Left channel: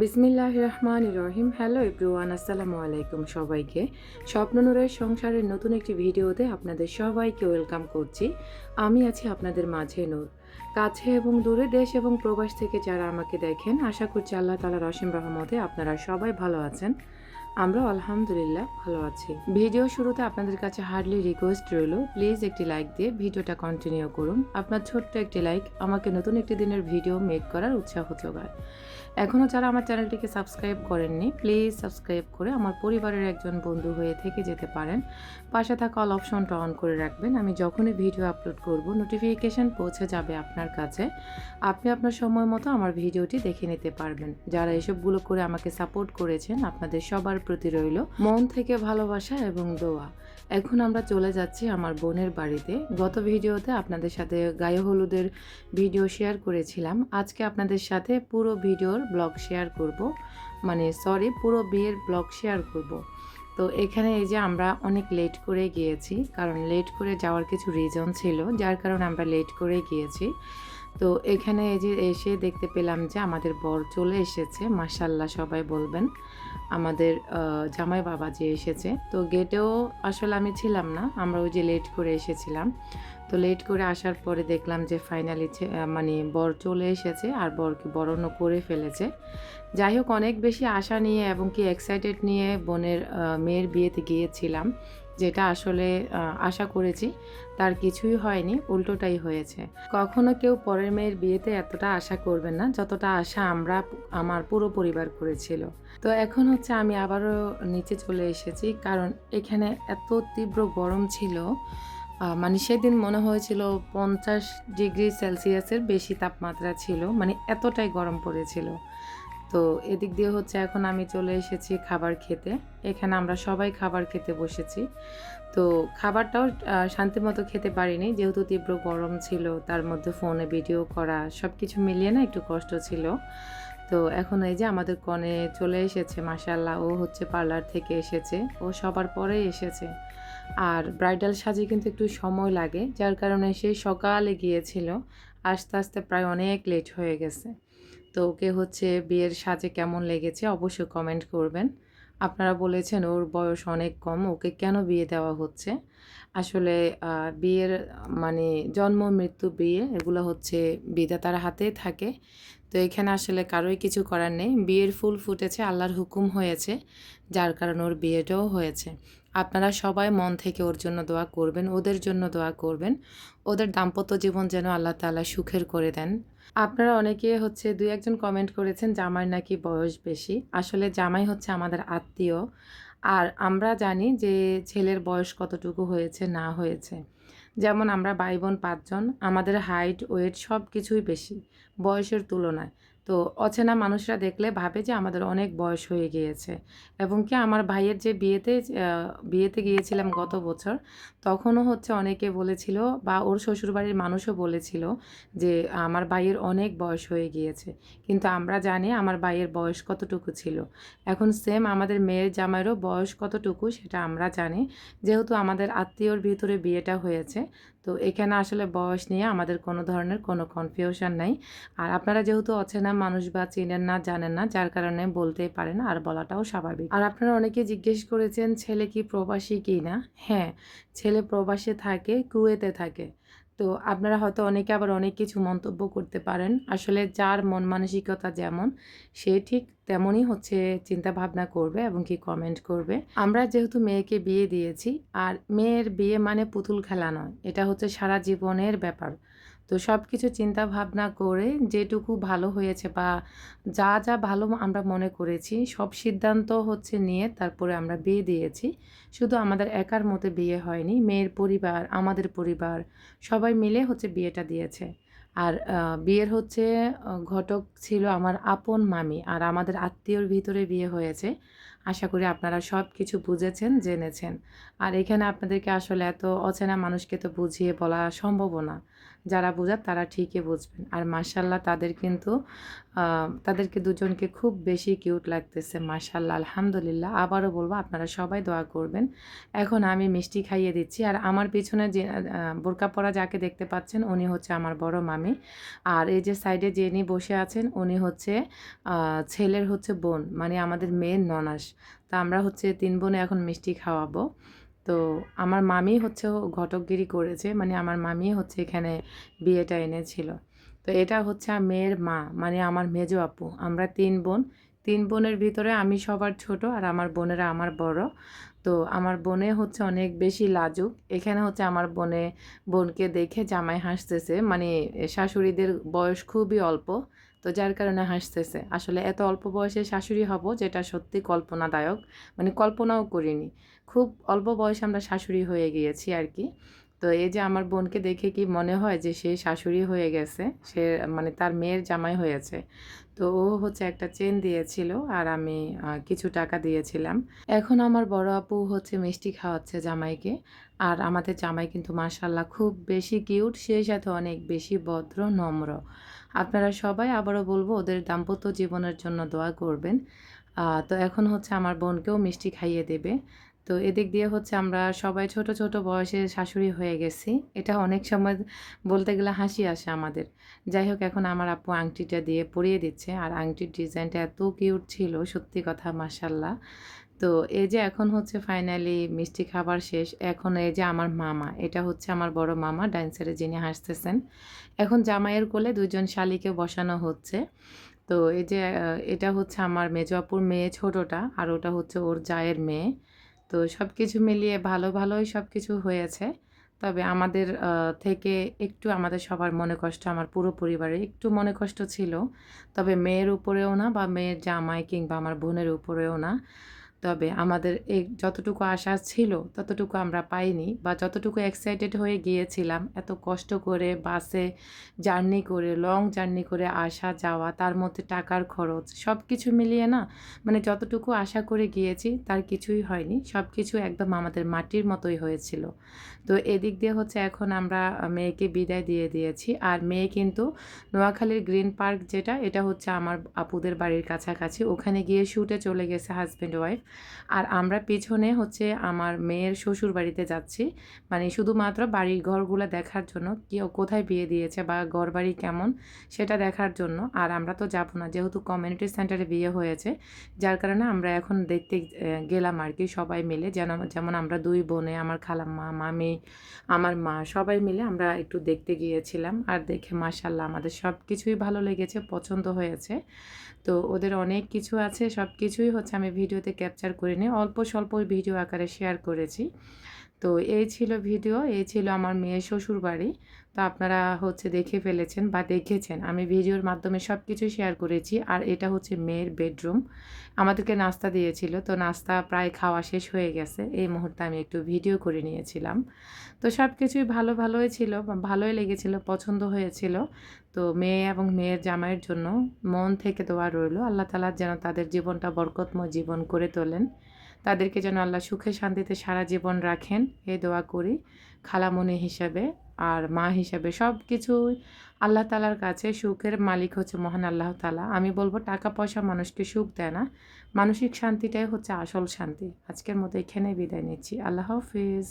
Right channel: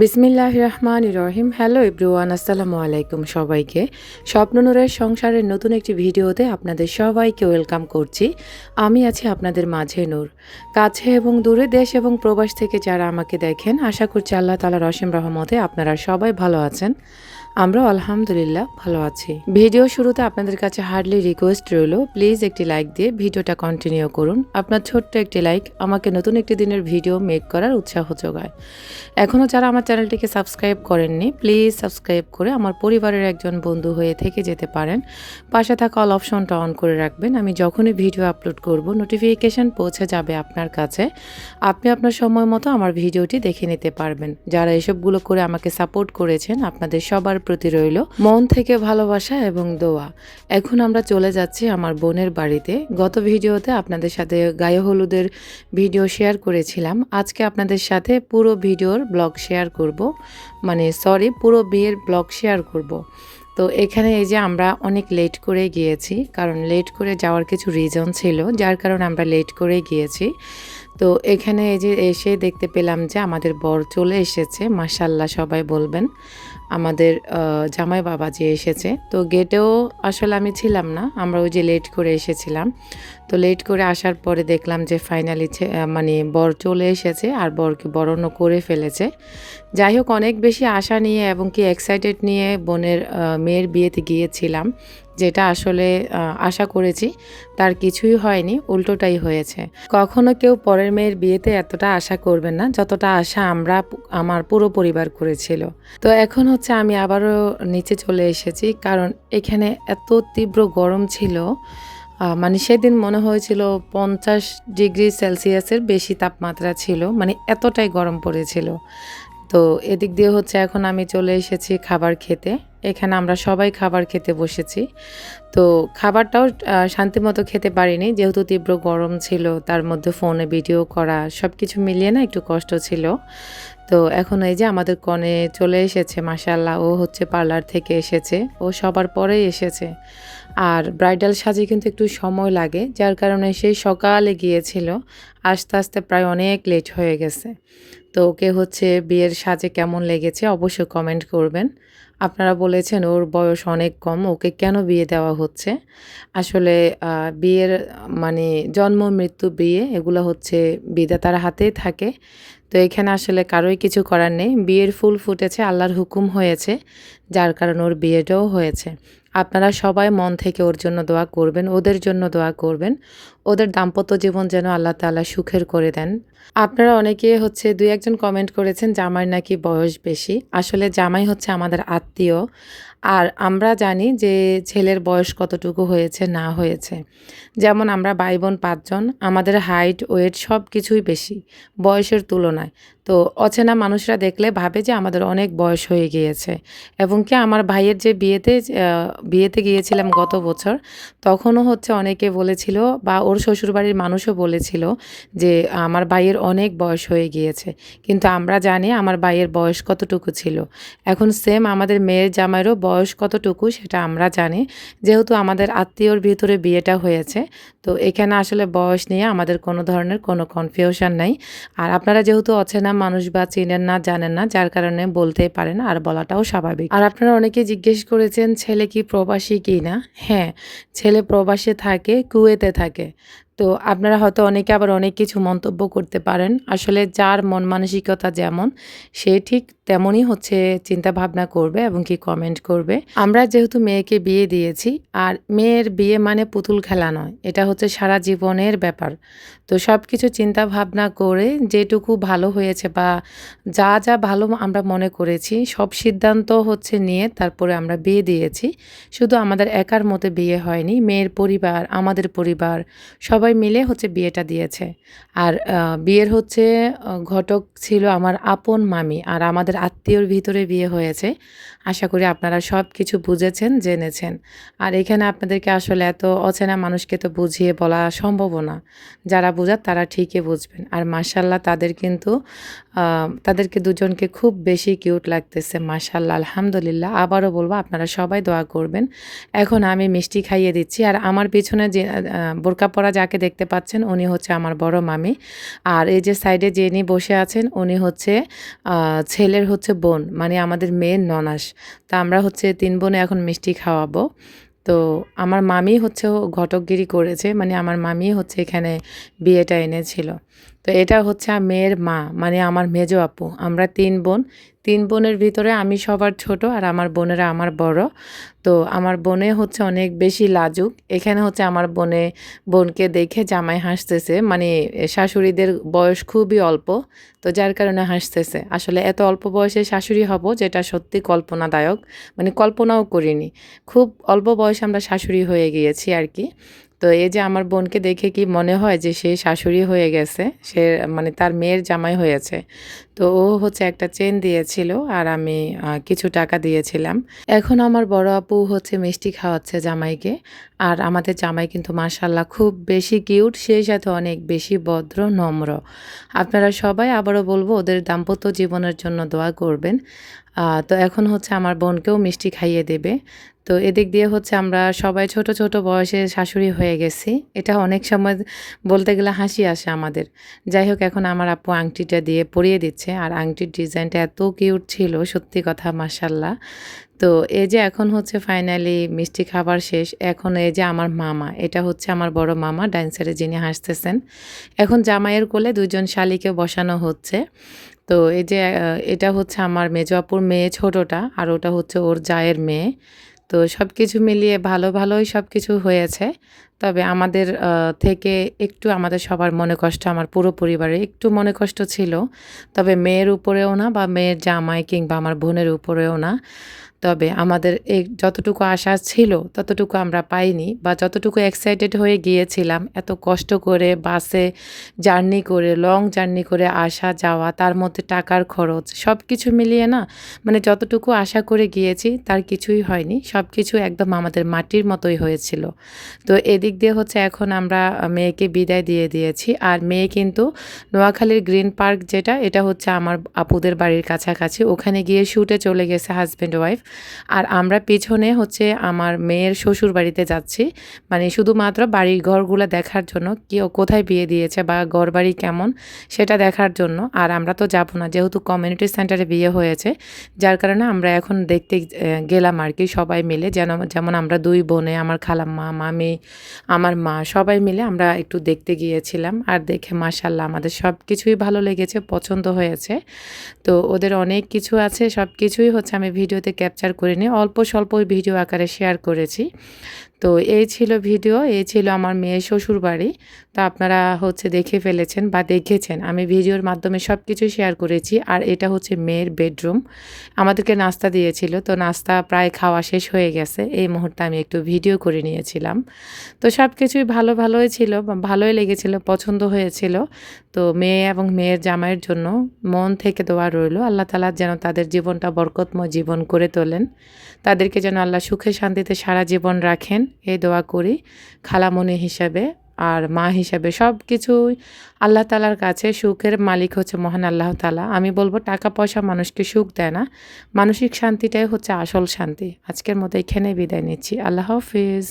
বিসমিল্লাহির রহমানির রহিম। Hello everyone, আসসালামু আলাইকুম সবাইকে। স্বপ্ননূরের সংসারের নতুন একটি ভিডিওতে আপনাদের সবাইকে ওয়েলকাম করছি। আমি আছি আপনাদের মাঝে নূর। কাছে এবং দূরে, দেশ এবং প্রবাস থেকে যারা আমাকে দেখেন, আশা করছি আল্লাহ তাআলার অসীম রহমতে আপনারা সবাই ভালো আছেন। আমরাও আলহামদুলিল্লাহ ভালো আছি। ভিডিও শুরুতে আপনাদের কাছে হার্ডলি রিকোয়েস্ট রইল, প্লিজ একটি লাইক দিয়ে ভিডিওটা কন্টিনিউ করুন। আপনার ছোট্ট একটি লাইক আমাকে নতুন একটি দিনের ভিডিও মেক করার উৎসাহ যোগায়। এখনও যারা আমার চ্যানেলটিকে সাবস্ক্রাইব করেননি, প্লিজ সাবস্ক্রাইব করে আমার পরিবারের একজন বন্ধু হয়ে থেকে যেতে পারেন। পাশে থাকা অল অপশনটা অন করে রাখবেন। আমি যখনই ভিডিও আপলোড করব, নোটিফিকেশান পৌঁছে যাবে আপনার কাছে। আপনি আপনার সময় মতো আমার ভিডিওটি দেখে নিতে পারবেন। যারা এসবগুলো করে আমাকে সাপোর্ট করেছেন, আপনাদের সবার প্রতি রইল মন থেকে ভালোবাসা এবং দোয়া। এখন আমরা চলে যাচ্ছি আমার বোনের বাড়িতে। গত ভিডিওতে আপনাদের সাথে গায়ে হলুদের ভিডিও শেয়ার করেছিলাম। আজকে আপনাদের সাথে পুরো ভিডিওর ব্লগ শেয়ার করব, পুরো বিয়ের ব্লগ শেয়ার করব। তো এখানে এই যে আমরা অনেক লেট করে গিয়েছি, কারণ লেট করে যাওয়ার কিছু রিজন ছিল, যার কারণে আমরা লেট করে গিয়েছি। তো এখানে এই যে এসে দেখতে পেলাম যে আমাদের বর চলে এসেছে, মাশাআল্লাহ সবাই বলবেন। আমাদের জামাই বাবা যে এসেছে, তো গেটেও আসলে আমি ছিলাম না, আমরা ওই যে লেট করে এসেছিলাম। তো লেট করে আসার পরে দেখলাম যে ফাইনালি বর চলে এসেছে আর বরকে বরণও করে ফেলেছে। যাই হোক, অনেক বেশি আশা নিয়ে এবং কি এক্সাইটেড নিয়ে বোনের মেয়ের বিয়েতে গিয়েছিলাম, যেটা আসলে আশা করেছি তার কিছুই হয়নি, উল্টোটাই হয়েছে। কখনো কেউ পরের মেয়ের বিয়েতে এতটা আশা করবেন না যতটা আশা আমার পুরো পরিবার করেছিল। তো এখন হচ্ছে আমি আবারও নিচে চলে এসেছি, কারণ এখানে এত তীব্র গরম ছিল। সেদিন মনে হয়েছিল 50 ডিগ্রি সেলসিয়াসের বেশি তাপমাত্রা ছিল, এতটাই গরম পড়েছিল। তো এদিক দিয়ে হচ্ছে এখন আমি চলে এসেছি খাবার খেতে। এখানে আমরা সবাই খাবার খেতে বসেছি। তো খাবারটাও শান্তিমতো খেতে পারিনি, যেহেতু তীব্র গরম ছিল, তার মধ্যে ফোনে ভিডিও করা সব কিছু মিলিয়ে না একটু কষ্ট ছিল। তো এখন এই যে আমাদের কনে চলে এসেছে, মাশাআল্লাহ, ও হচ্ছে পার্লার থেকে এসেছে, ও সবার পরেই এসেছে। আর ব্রাইডাল সাজে কিন্তু একটু সময় লাগে, যার কারণে সেই সকালে গিয়েছিল, আস্তে আস্তে প্রায় অনেক লেট হয়ে গেছে। তো ওকে হচ্ছে বিয়ের সাজে কেমন লেগেছে অবশ্যই কমেন্ট করবেন। আপনারা বলেছেন ওর বয়স অনেক কম, ওকে কেন বিয়ে দেওয়া হচ্ছে। আসলে বিয়ের মানে জন্ম মৃত্যু বিয়ে এগুলো হচ্ছে বিধাতার হাতেই থাকে। তো এখানে আসলে কারোই কিছু করার নেই, বিয়ের ফুল ফুটেছে, আল্লাহর হুকুম হয়েছে, যার কারণে ওর বিয়েটাও হয়েছে। আপনারা সবাই মন থেকে ওর জন্য দোয়া করবেন, ওদের জন্য দোয়া করবেন, ওদের দাম্পত্য জীবন যেন আল্লাহ তাআলা সুখের করে দেন। আপনারা অনেকে হচ্ছে ২-১ জন কমেন্ট করেছেন জামাইয়ের নাকি বয়স বেশি। আসলে জামাই হচ্ছে আমাদের আত্মীয়। আর আমরা জানি যে ছেলের বয়স কতটুকু হয়েছে না হয়েছে। যেমন আমরা ভাই-বোন ৫ জন, আমাদের হাইট, ওয়েট সব কিছুই বেশি বয়সের তুলনায়। তো অচেনা মানুষরা দেখলে ভাবে যে আমাদের অনেক বয়স হয়ে গিয়েছে। এবং কি আমার ভাইয়ের যে বিয়েতে গিয়েছিলাম গত বছর, তখনও হচ্ছে অনেকে বলেছিল বা ওর শ্বশুরবাড়ির মানুষও বলেছিল যে আমার ভাইয়ের অনেক বয়স হয়ে গিয়েছে। কিন্তু আমরা জানি আমার ভাইয়ের বয়স কতটুকু ছিল। এখন সেম আমাদের মেয়ের জামাইয়েরও বয়স কতটুকু সেটা আমরা জানি। যেহেতু আমাদের আত্মীয়র ভিতরে বিয়েটা হয়েছে, তো এখানে আসলে বয়স নিয়ে আমাদের কোনো ধরনের কোনো কনফিউশন নাই। আর আপনারা যেহেতু অচেনা মানুষ বা চিনেন না, জানেন না, যার কারণে বলতেই পারেন, আর বলাটাও স্বাভাবিক। আর আপনারা অনেকেই জিজ্ঞেস করেছেন ছেলে কি প্রবাসী কিনা? হ্যাঁ, ছেলে প্রবাসে থাকে, কুয়েতে থাকে। তো আপনারা হয়তো অনেকে আবার অনেক কিছু মন্তব্য করতে পারেন। আসলে যার মন মানসিকতা যেমন, সে ঠিক তেমনই হচ্ছে চিন্তাভাবনা করবে এবং কি কমেন্ট করবে। আমরা যেহেতু মেয়েকে বিয়ে দিয়েছি, আর মেয়ের বিয়ে মানে পুতুল খেলা নয়, এটা হচ্ছে সারা জীবনের ব্যাপার। তো সব কিছু চিন্তা ভাবনা করে যেটুকু ভালো হয়েছে বা যা যা ভালো আমরা মনে করেছি, সব সিদ্ধান্ত হচ্ছে নিয়ে তারপরে আমরা বিয়ে দিয়েছি। শুধু আমাদের একার মতে বিয়ে হয়নি, মেয়ের পরিবার, আমাদের পরিবার সবাই মিলে হচ্ছে বিয়েটা দিয়েছে। আর বিয়ের হচ্ছে ঘটক ছিল আমার আপন মামি, আর আমাদের আত্মীয়র ভিতরে বিয়ে হয়েছে। আশা করি আপনারা সব কিছু বুঝেছেন, জেনেছেন। আর এখানে আপনাদেরকে আসলে এত অচেনা মানুষকে তো বুঝিয়ে বলা সম্ভবও না। যারা বোঝার তারা ঠিকই বুঝবেন। আর মাশাআল্লাহ তাদের কিন্তু তাদেরকে দুজনকে খুব বেশি কিউট লাগতেছে। মাশাআল্লাহ, আলহামদুলিল্লাহ। আবারও বলব আপনারা সবাই দোয়া করবেন। এখন আমি মিষ্টি খাইয়ে দিচ্ছি। আর আমার পিছনে যে বোরকা পরা যাকে দেখতে পাচ্ছেন উনি হচ্ছে আমার বড় মামি। আর এই যে সাইডে যিনি বসে আছেন উনি হচ্ছে ছেলের হচ্ছে বোন, মানে আমাদের মেয়ের ননাস। তো আমরা হচ্ছে ৩ বোনে এখন মিষ্টি খাওয়াবো। তো আমার মামি হচ্ছে ঘটকগিরি করেছে, মানে আমার মামি হচ্ছে এখানে বিয়েটা এনেছিল। তো এটা হচ্ছে মেয়ের মা, মানে আমার মেজো আপু। আমরা ৩ বোন। ৩ বোনের ভিতরে আমি সবার ছোট আর আমার বোনেরা আমার বড়। তো আমার বোনে হচ্ছে অনেক বেশি লাজুক। এখানে হচ্ছে আমার বোনকে দেখে জামাই হাসতেছে। মানে শাশুড়িদের বয়স খুবই অল্প। তো যার কারণে হাসতেছে। আসলে এত অল্প বয়সে শাশুড়ি হব যেটা সত্যি কল্পনাদায়ক। মানে কল্পনাও করিনি। খুব অল্প বয়সে আমরা শাশুড়ি হয়ে গিয়েছি আর কি। তো এই যে আমার বোনকে দেখে কি মনে হয় যে সে শাশুড়ি হয়ে গেছে। সে মানে তার মেয়ের জামাই হয়েছে। তো ও হচ্ছে একটা চেন দিয়েছিল আর আমি কিছু টাকা দিয়েছিলাম। এখন আমার বড় আপু হচ্ছে মিষ্টি খাওয়াচ্ছে জামাইকে। আর আমাদের জামাই কিন্তু মাশাআল্লাহ খুব বেশি কিউট, সেই সাথে অনেক বেশি ভদ্র, নম্র। আপনারা সবাই আবারও বলব ওদের দাম্পত্য জীবনের জন্য দোয়া করবেন। তো এখন হচ্ছে আমার বোনকেও মিষ্টি খাইয়ে দেবে। তো এদিক দিয়ে হচ্ছে আমরা সবাই ছোট, ছোট বয়সে শাশুড়ি হয়ে গেছি। এটা অনেক সময় বলতে গেলে হাসি আসে আমাদের। যাই হোক এখন আমার আপু আংটিটা দিয়ে পরিয়ে দিচ্ছে। আর আংটির ডিজাইনটা এত কিউট ছিল, সত্যি কথা মাশাআল্লাহ। তো এই যে এখন হচ্ছে ফাইনালি মিষ্টি খাবার শেষ। এখন এই যে আমার মামা, এটা হচ্ছে আমার বড় মামা ডাইন সাইডে যিনি হাসতেছেন। এখন জামাইয়ের কোলে ২ জন শালিকে বসানো হচ্ছে। তো এই যে এটা হচ্ছে আমার মেজো আপুর মেয়ে ছোটটা, আর ওটা হচ্ছে ওর জায়ের মেয়ে। তো সবকিছু মিলিয়ে ভালোই সবকিছু হয়েছে। তবে আমাদের থেকে একটু আমাদের সবার মনে কষ্ট, আমার পুরো পরিবারের একটু মনে কষ্ট ছিল। তবে মেয়ের উপরেও না বা মেয়ের জামাই কিংবা আমার বোনের উপরেও না। তবে আমাদের এই যতটুকু আশা ছিল ততটুকু আমরা পাইনি, বা যতটুকু এক্সাইটেড হয়ে গিয়েছিলাম এত কষ্ট করে বাসে জার্নি করে, লং জার্নি করে আসা যাওয়া, তার মধ্যে টাকার খরচ সব কিছু মিলিয়ে না, মানে যতটুকু আশা করে গিয়েছি তার কিছুই হয়নি। সব কিছু একদম আমাদের মাটির মতোই হয়েছিল। তো এদিক দিয়ে হচ্ছে এখন আমরা মেয়েকে বিদায় দিয়ে দিয়েছি। আর মেয়ে কিন্তু নোয়াখালীর গ্রিন পার্ক যেটা, এটা হচ্ছে আমার আপুদের বাড়ির কাছাকাছি, ওখানে গিয়ে শুটে চলে গেছে হাজব্যান্ড ওয়াইফ। আর আমরা পিছনে হচ্ছে আমার মেয়ের শ্বশুর বাড়িতে যাচ্ছি, মানে শুধুমাত্র বাড়ির ঘরগুলো দেখার জন্য, কি কোথায় বিয়ে দিয়েছে বা ঘরবাড়ি কেমন সেটা দেখার জন্য। আর আমরা তো যাব না, যেহেতু কমিউনিটি সেন্টারে বিয়ে হয়েছে, যার কারণে আমরা এখন দেখতে গেলাম আর কি সবাই মিলে। যেমন আমরা 2 বোনে, আমার খালাম্মা, মামি, আমার মা সবাই মিলে আমরা একটু দেখতে গিয়েছিলাম। আর দেখে মাশাআল্লাহ আমাদের সব কিছুই ভালো লেগেছে, পছন্দ হয়েছে। তো ওদের অনেক কিছু আছে, সব কিছুই হচ্ছে আমি ভিডিওতে ক্যাপচার করিনি, অল্প স্বল্প ভিডিও আকারে শেয়ার করেছি। তো এই ছিল ভিডিও, এই ছিল আমার মেয়ের শ্বশুরবাড়ি। তো আপনারা হচ্ছে দেখে ফেলেছেন বা দেখেছেন, আমি ভিডিওর মাধ্যমে সব কিছু শেয়ার করেছি। আর এটা হচ্ছে মেয়ের বেডরুম। আমাদেরকে নাস্তা দিয়েছিল, তো নাস্তা প্রায় খাওয়া শেষ হয়ে গেছে, এই মুহূর্তে আমি একটু ভিডিও করে নিয়েছিলাম। তো সব কিছুই ভালোই ছিল, ভালোই লেগেছিল, পছন্দ হয়েছিল। তো মেয়ে এবং মেয়ের জামাইয়ের জন্য মন থেকে দোয়া রইল, আল্লাহ তাআলা যেন তাদের জীবনটা বরকতময় জীবন করে তোলেন। তাদেরকে যেন আল্লাহ সুখে শান্তিতে সারা জীবন রাখেন, এই দোয়া করি খালামণি হিসাবে। আর মা হিসাবে সব কিছুই আল্লাহ তাআলার কাছে, সুখের মালিক হচ্ছে মহান আল্লাহ তাআলা। আমি বলবো টাকা পয়সা মানুষকে সুখ দেয় না, মানসিক শান্তিটাই হচ্ছে আসল শান্তি। আজকের মতো এখানেই বিদায় নিচ্ছি। আল্লাহ হাফেজ।